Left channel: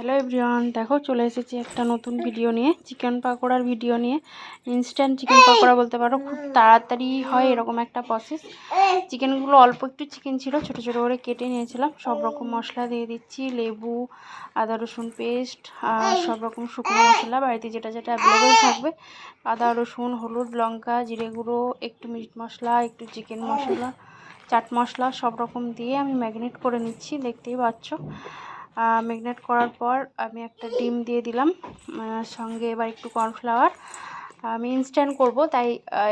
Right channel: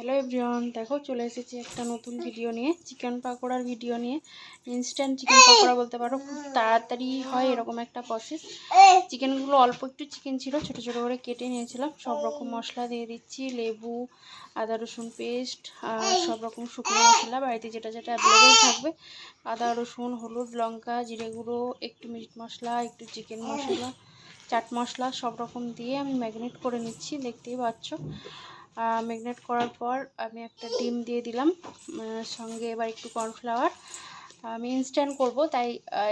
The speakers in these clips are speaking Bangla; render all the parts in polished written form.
হ্যালো এভরিওয়ান, দেখো চলে এসেছি একটা নতুন ভিডিও নিয়ে, চিকেন পাকোড়ার ভিডিও নিয়ে। ইনস্ট্যান্ট চিকেন পাকোড়া বলতে পারো, খুব তাড়াতাড়ি হয় এরকম একটা প্রসেস। চিকেনগুলো অল্প একটু চিকেন ছিল, ছোটো ছোটো করে কেটে নিয়েছিলাম। সব রকম মশলা দিয়ে দিচ্ছি, লেবু, আদা রসুন পেস্ট, আর সব রকম শুকনো মশলা বাড়িতে যেটা যেটা অ্যাভেলেবেল থাকবে। আদা রসুন, হলুদ, লঙ্কা, জিরে গুঁড়ো, একটু মিট মশলা, একটু চিকেন মশলা, চাট মশলা সব রকম দিয়ে আমি ম্যারিনেট করে নিচ্ছি, দেখতেই পাচ্ছ। ম্যারিনেট করার পর আমি একটা ডিম দিয়ে দিলাম, সঙ্গে এবার একটু কর্নফ্লাওয়ার। আমি ইনস্ট্যান্ট করব, তাই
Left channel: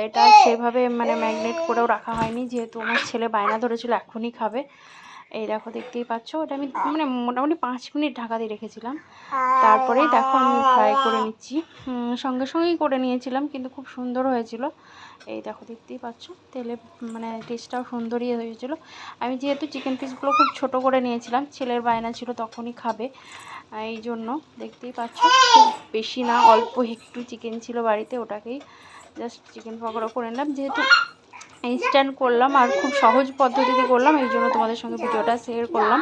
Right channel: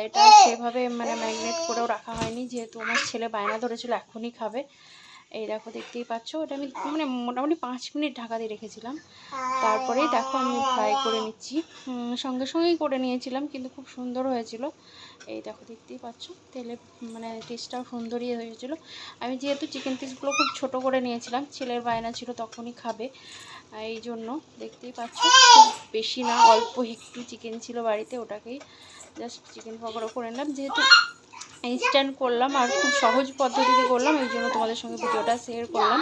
এটা সেভাবে ম্যারিনেট করেও রাখা হয়নি, যেহেতু আমার ছেলে বায়না ধরেছিল এখনই খাবে। এই দেখো দেখতেই পাচ্ছ, ওটা আমি মোটামুটি 5 মিনিট ঢাকা দিয়ে রেখেছিলাম। তারপরেই দেখো আমি ফ্রাই করে নিচ্ছি, সঙ্গে সঙ্গেই করে নিয়েছিলাম, কিন্তু খুব সুন্দর হয়েছিল। এই দেখো দেখতেই পাচ্ছ, তেলে টেস্টটাও সুন্দরই হয়েছিল। আমি যেহেতু চিকেন পিসগুলো খুব ছোট করে নিয়েছিলাম, ছেলের বায়না ছিল তখনই খাবে, এই জন্য দেখতেই পাচ্ছ। খুব বেশি না, অল্প একটু চিকেন ছিল বাড়িতে, ওটাকেই জাস্ট চিকেন পকোড়া করে নিলাম। যেহেতু ইনস্ট্যান্ট করলাম আর খুব সহজ পদ্ধতিতে করলাম, এই জন্য তোমাদের সঙ্গে ভিডিওটা শেয়ার করলাম।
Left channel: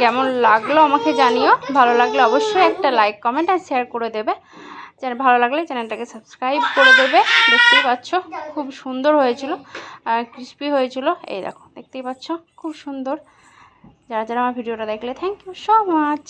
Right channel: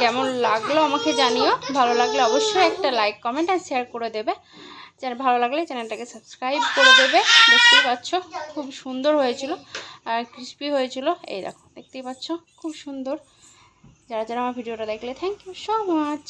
কেমন লাগলো আমাকে জানিও, ভালো লাগলে অবশ্যই একটা লাইক, কমেন্ট আর শেয়ার করে দেবে। ভালো লাগলে চ্যানেলটাকে সাবস্ক্রাইব করে দেবে। দেখতেই পাচ্ছ খুব সুন্দর হয়েছিল আর ক্রিস্পি হয়েছিল। এই দেখো দেখতেই পাচ্ছ, খুব সুন্দর। যারা যারা আমার ভিডিওটা দেখলে, থ্যাংক ইউ সো মাচ।